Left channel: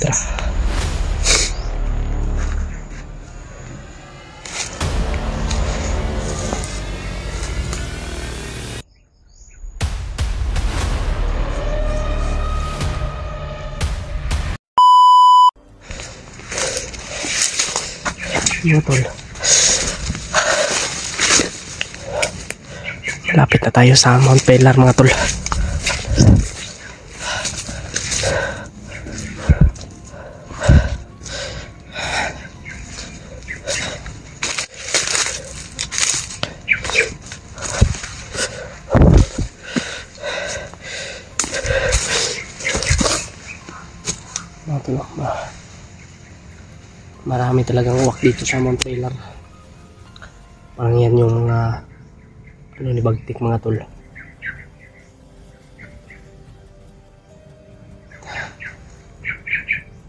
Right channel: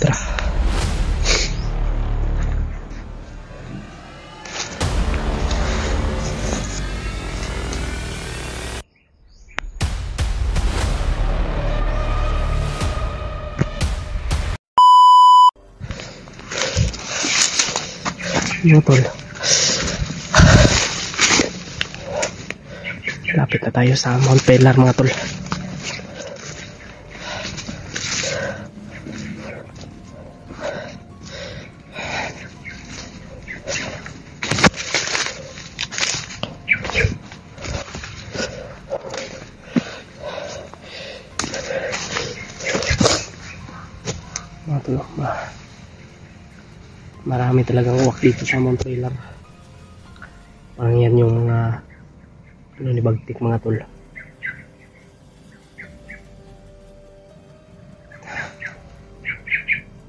Tara. Mga tol, lapit na tayo sa Mount Pelar mga tol. Mga tol, marami talagang uwak dito sa Mount Pelar. Parang yan yung mga ni Bagtik mga tol.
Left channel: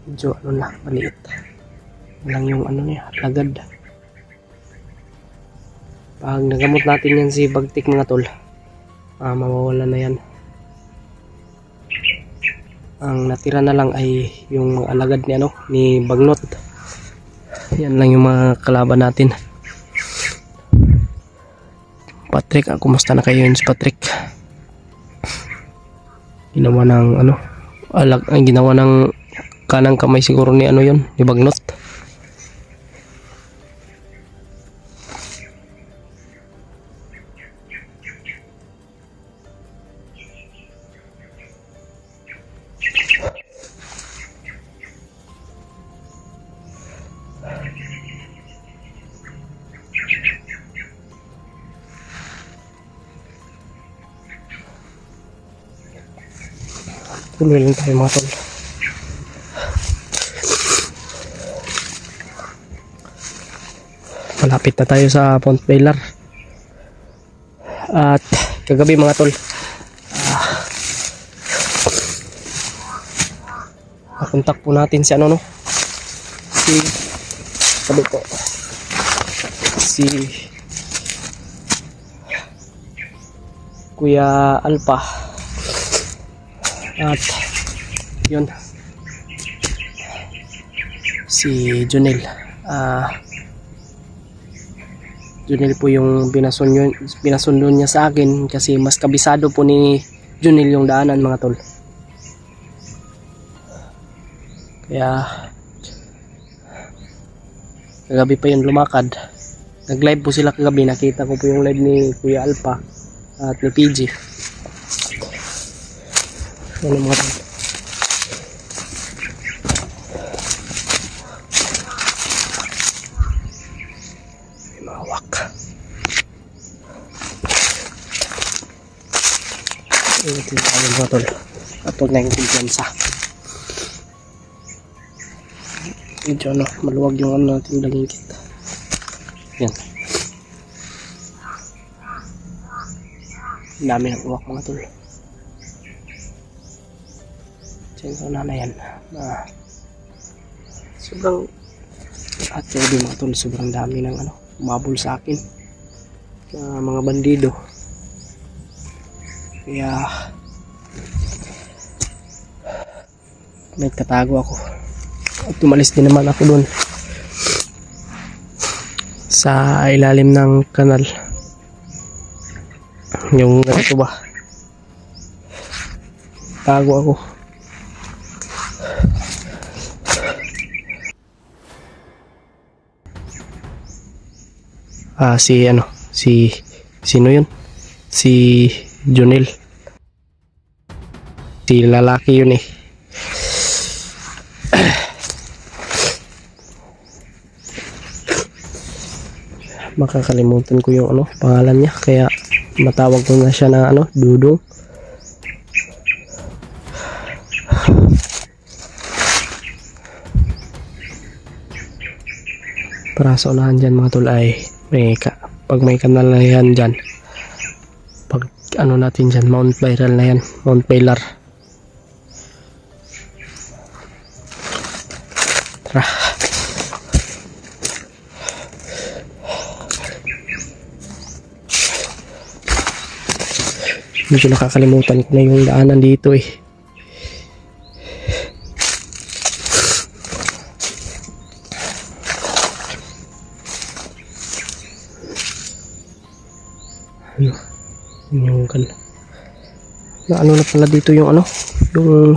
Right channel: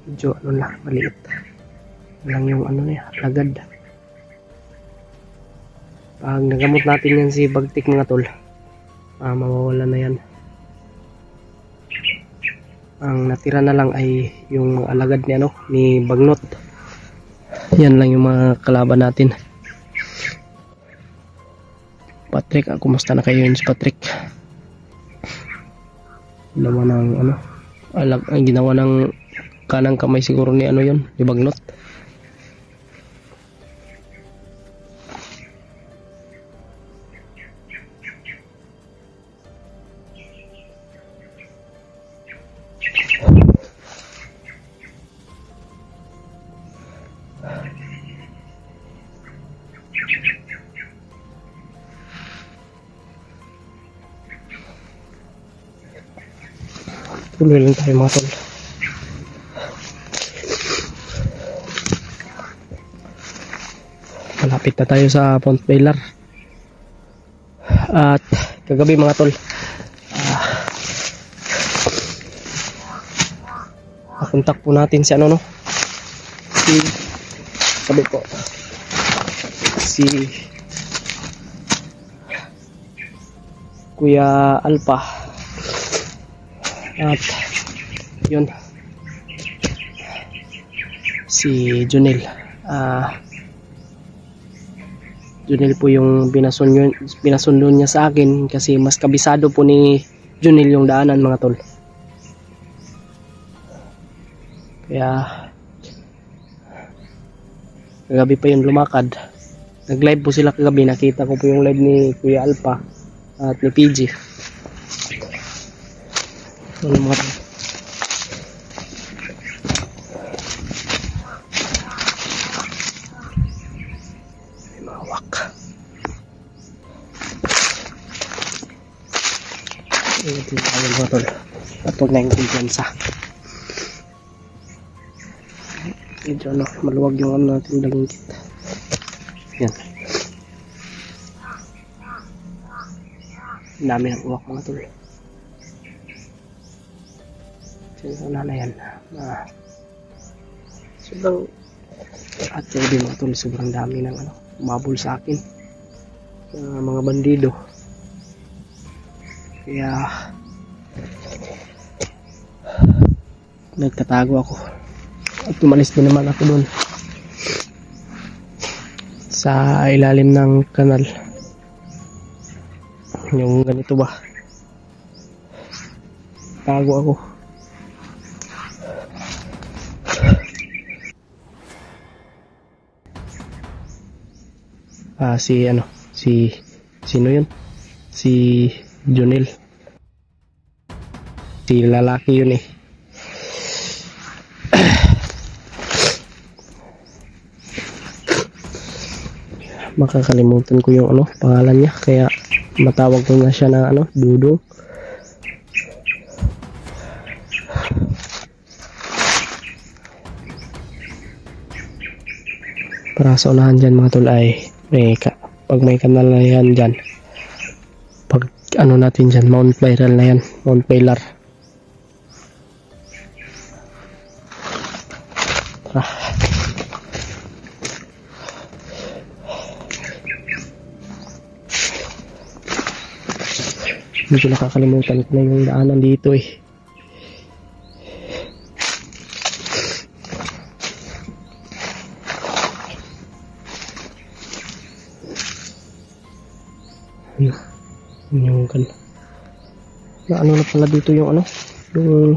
Medyo maliit lang yung niya, lagad. Pag nagamot natin yan si Bagtik mga tol, mawawala na yan. Ang natira na lang ay yung mga alagad ni Bagnot. Yan lang yung mga kalaban natin. Patrick, kumusta na kayo yun si Patrick? Ginawa ng ginawa ng kanang kamay siguro ni yun, ni Bagnot. Tuloy lang tayo mga tol. Malapit na tayo sa Mount Pelar. At kagabi mga tol, nakontak po natin si sabi ko si Kuya Alpha. At yun, si Junel. Junel po yung pinasundo niya sa akin kasi mas kabisado po ni Junel yung daanan mga tol. Kaya kagabi pa yun lumakad. Nag-live po sila kagabi. Nakita ko po yung live ni Kuya Alpha at ni PG. Ano mga tol, may mawak. Ito tayo mga tol, at huwag na yung kumpiyansa. Medyo maluwag yung natin laging kita. Yan, dami ng uwak mga tol. So na yan, sobrang at sabi mga tol, sobrang dami ng umabol sa akin mga bandido. Kaya may katago ako at tumalis din naman ako dun sa ilalim ng kanal, yung ganito ba, tago ako. Sino yun? Si Junel. Si lalaki yun eh. Makakalimutan ko yung pangalan niya, kaya matawag ko na siya na Dudong. Para sa unahan dyan mga tol ay pag may kanal na yan dyan, pag natin dyan, Mount Viral na yan, Mount Pelar. Tara. Medyo nakakalimutan ko na yung daanan dito eh. Ano? Yung kan. Na ano na pala dito yung ano? Yung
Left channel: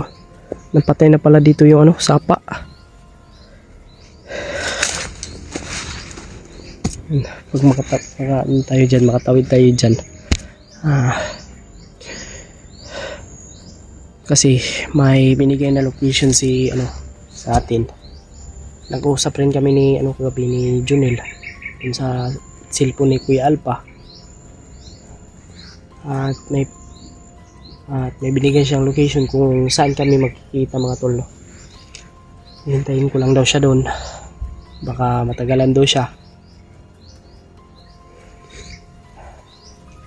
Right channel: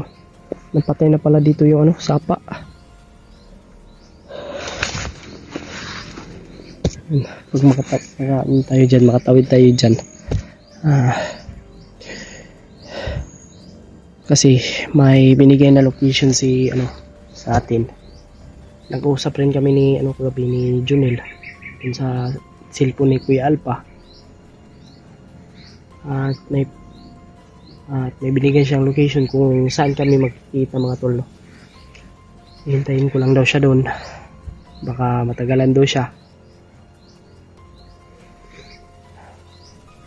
napatay na pala dito yung ano, sapa. Pag makatawid tayo dyan. Kasi may binigay na location si ano sa atin. Nag-uusap rin kami ni ano kagabi ni Junel dun sa cellphone ni Kuya Alpa. At may binigay siyang location kung saan kami magkikita mga tol. No? Hintayin ko lang daw siya doon. Baka matagalan daw siya.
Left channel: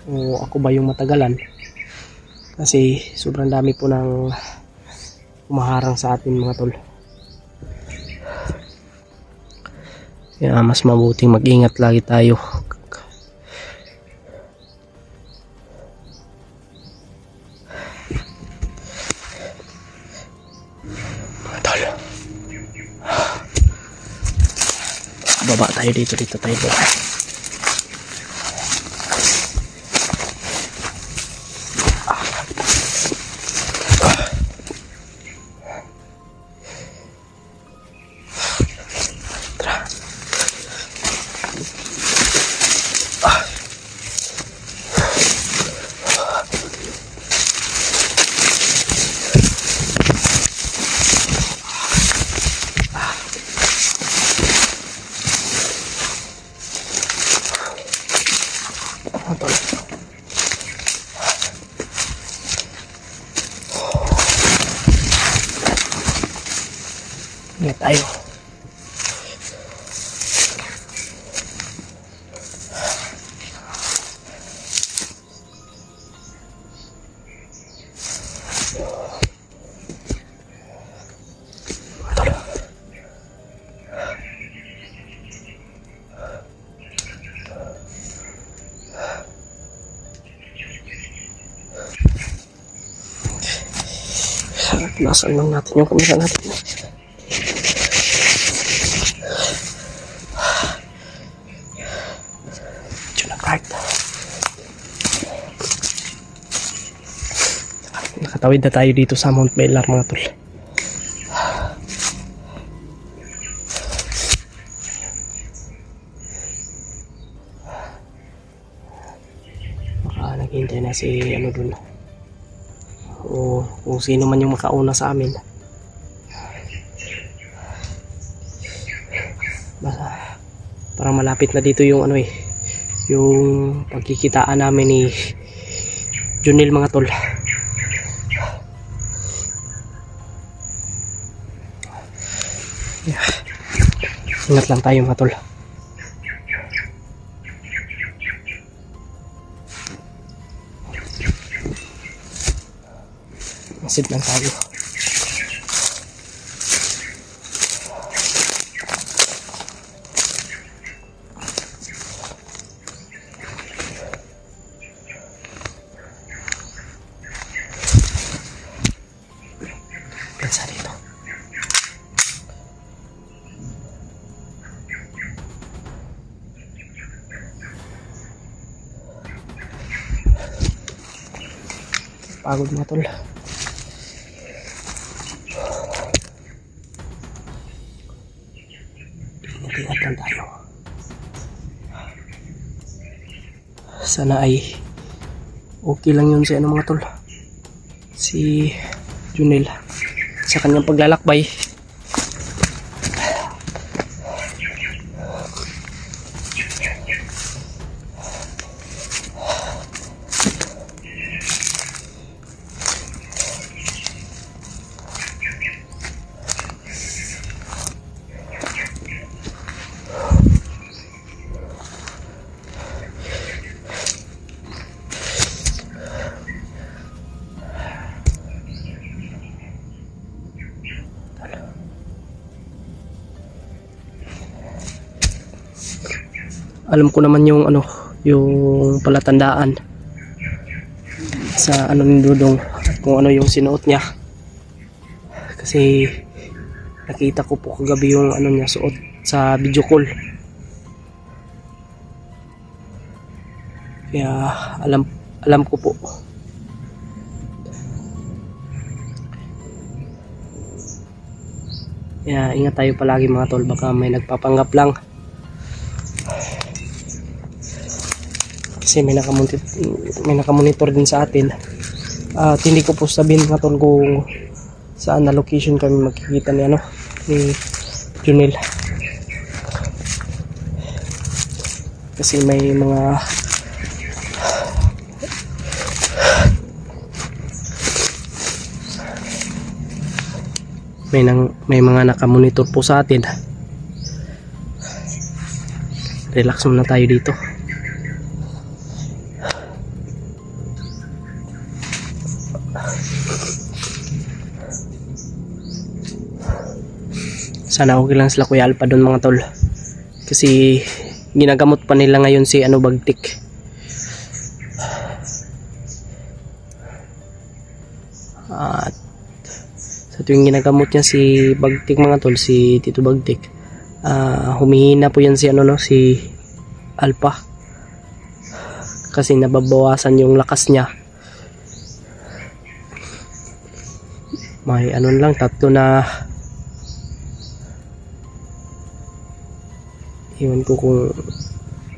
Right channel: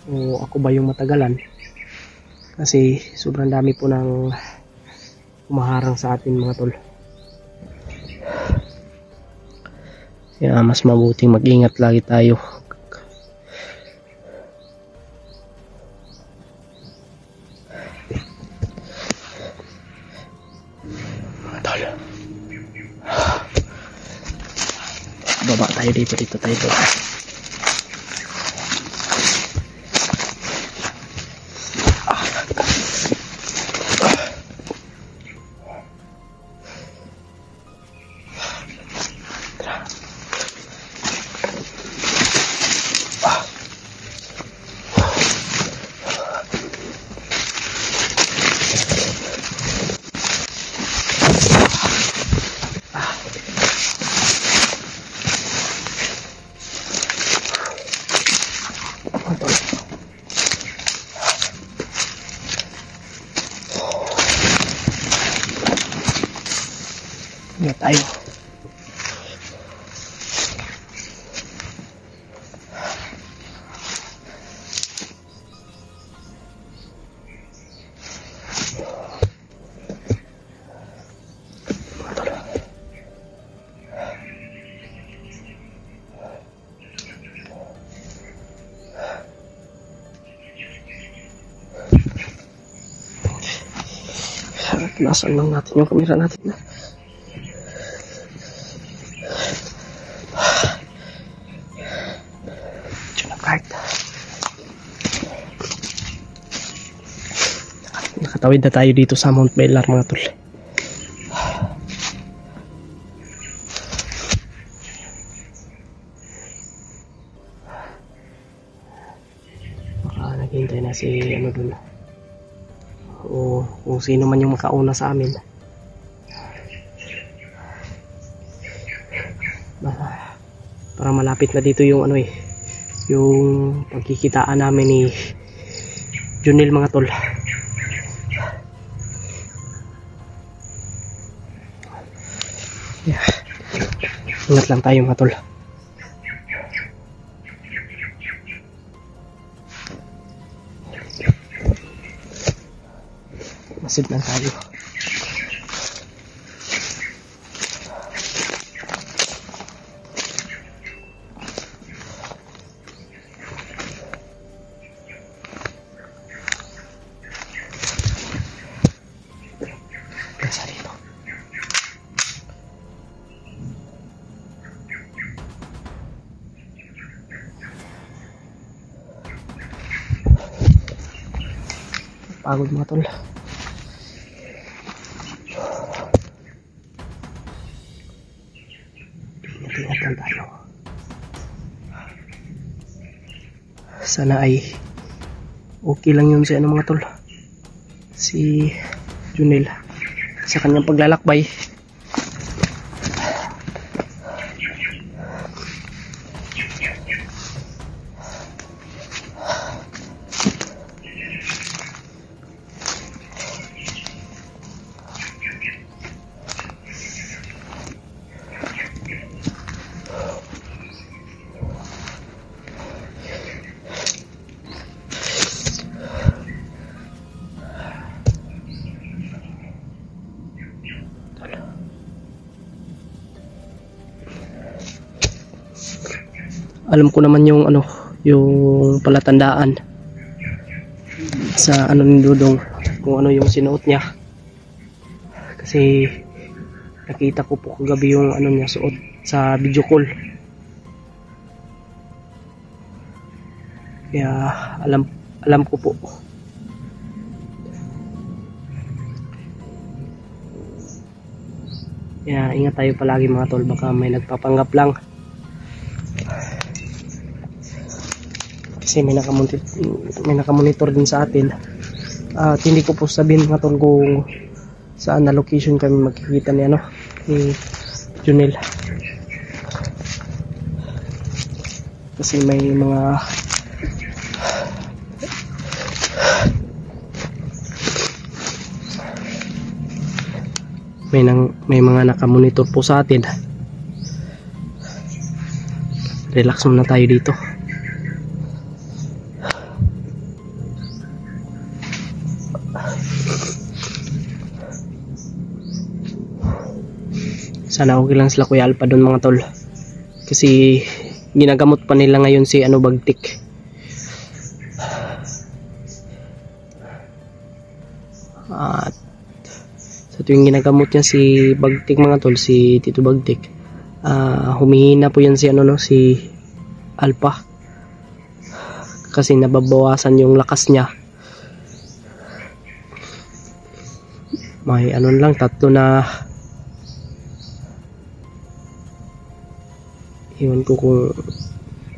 O ako ba yung matagalan? Kasi sobrang dami po ng umaharang sa atin mga tol. Kaya mas mabuting mag-ingat lagi tayo. Mga tol. Baba tayo dito tayo baba. Ingat tayo. Nasaan lang natin yung kamera natin. Nakatawid na tayo dito sa Mount Belar mga tol. Baka naghihintay na si ano dun. O kung sino man yung makauna sa amin. Basta parang malapit na dito yung ano yung pagkikitaan namin ni Junel mga tol. Yeah. Ingat lang tayo mga tol. Masid lang tayo. Pensa dito. Pagod mga tol. Ingat lang tayo. Sana ay okay lang yun si ano mga tol. Si Junel sa kanyang paglalakbay. Alam ko naman yung ano, yung palatandaan sa ano ni Dudong, kung ano yung sinuot niya. Kasi nakita ko po kagabi yung ano niya suot sa video call. Kaya alam ko po. Kaya ingat tayo palagi mga tol, baka may nagpapanggap lang. Kasi may nakamonitor din sa atin. At hindi ko po sabihin mga tol kung saan na location kami makikita ni Junel. Kasi may mga nakamonitor po sa atin. Relax muna tayo dito. Sana okay lang sila Kuya Alpa doon mga tol. Kasi ginagamot pa nila ngayon si Bagtik. At sa tuwing ginagamot niya si Bagtik mga tol, si Tito Bagtik, humihina po yan si si Alpa. Kasi nababawasan yung lakas niya. May lang, 3 na, iwan ko kung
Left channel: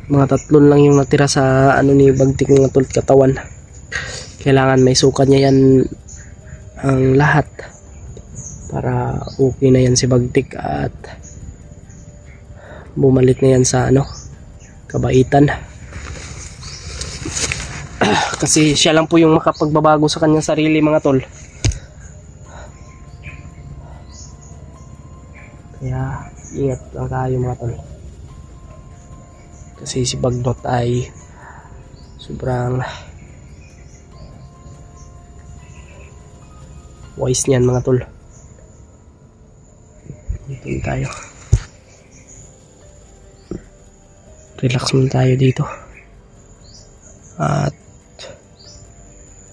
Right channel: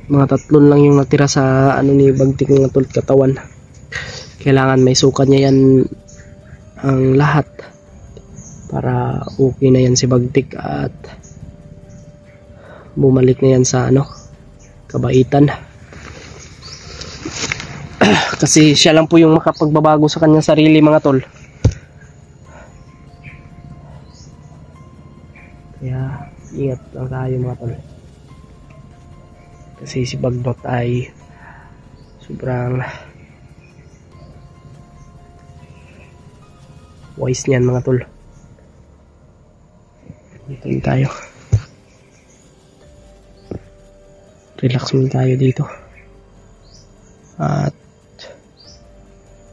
mga 3 lang yung natira sa ni Bagtik mga tol katawan. Kailangan may sukat niya yan ang lahat para okay na yan si Bagtik at bumalik na yan sa kabaitan. Kasi siya lang po yung makapagbabago sa kanyang sarili mga tol. Kaya ingat lang tayo mga tol. Kasi si Bagnot ay sobrang wise niyan mga tol. Dito tayo. Relax muna tayo dito. At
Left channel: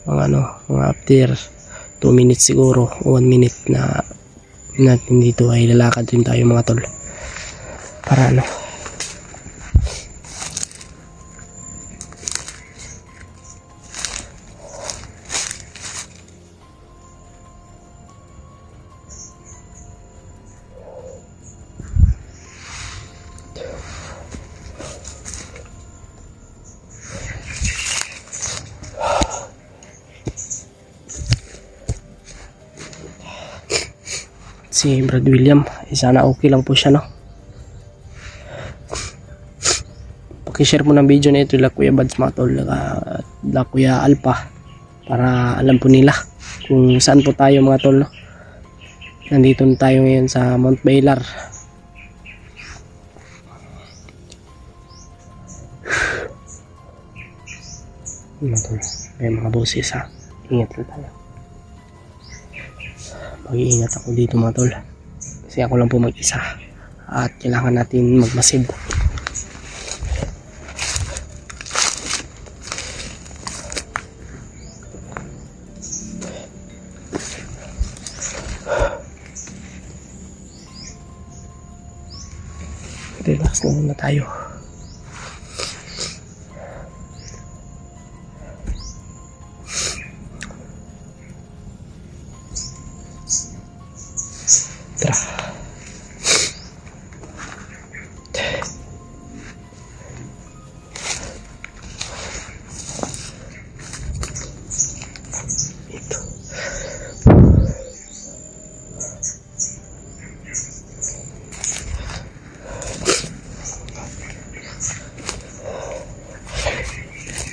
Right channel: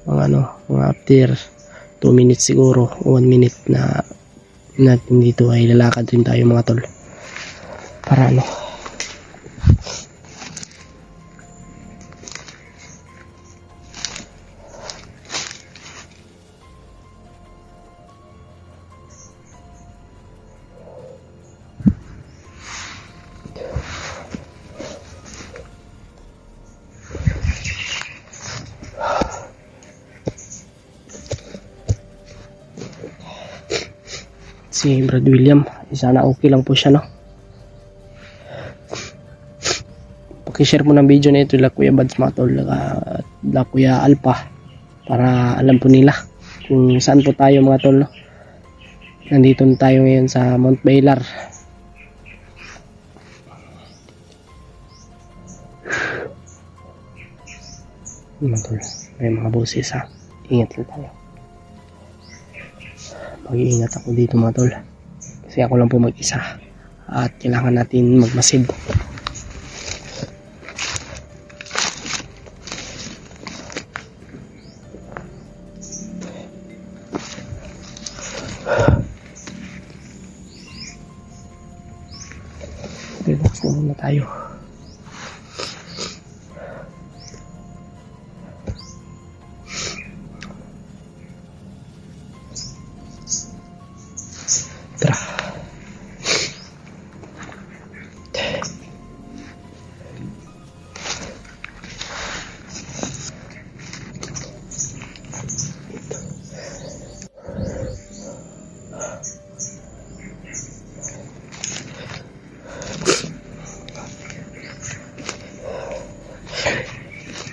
mga after 2 minutes siguro, 1 minute na natin dito ay lalakad rin tayo mga tol. Para si Brad William, sana okay lang po siya Pakishare mo ng video na ito la Kuya Bads mga tol, la Kuya Alpa, para alam po nila kung saan po tayo mga tol Nandito na tayo ngayon sa Mount Baylar. Mga tol, may mga boses ingat lang tayo. Mag-iingat ako dito mga tol. Kasi ako lang po mag-isa. At kailangan natin magmasid. Relax na muna tayo.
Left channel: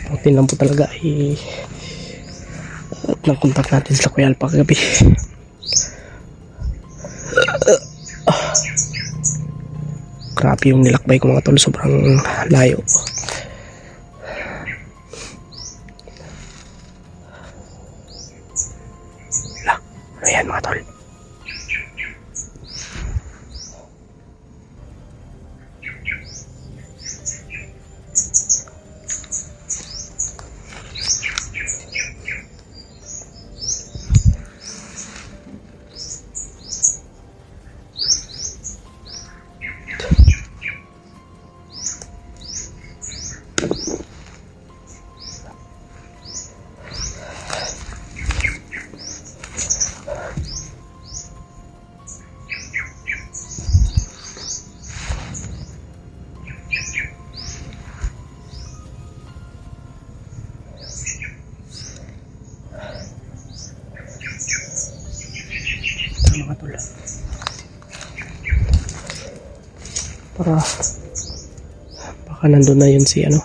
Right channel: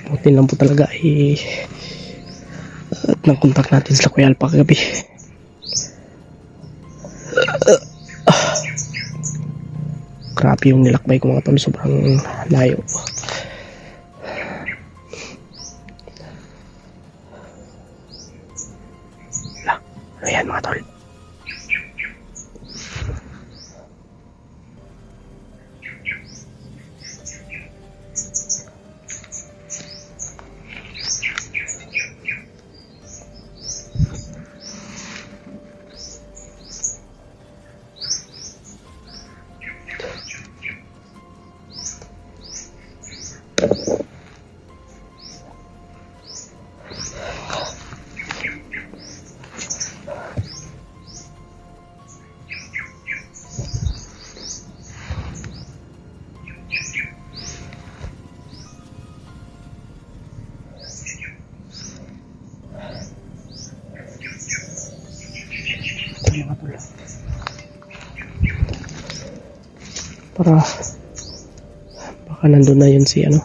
Buti lang po talaga at nag-contact natin sila Kuya Alpa kagabi. Grabe yung nilakbay ko mga tol, sobrang layo. Ayan mga tol. Para baka nandun na yun si ano.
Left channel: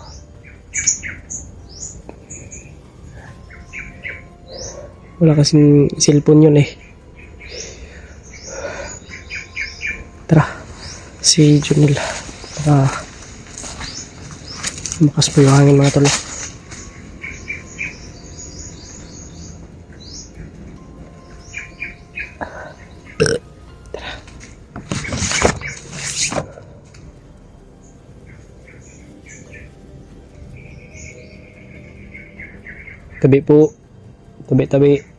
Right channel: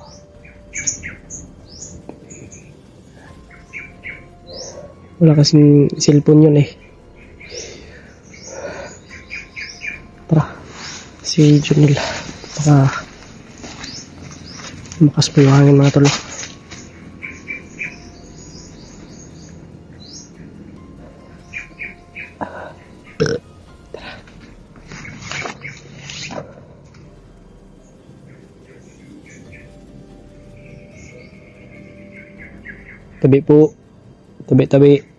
Wala kasing cellphone yun eh. Tara, si Junil. Baka lumakas po yung hangin mga tol. Tabi po. Tabi.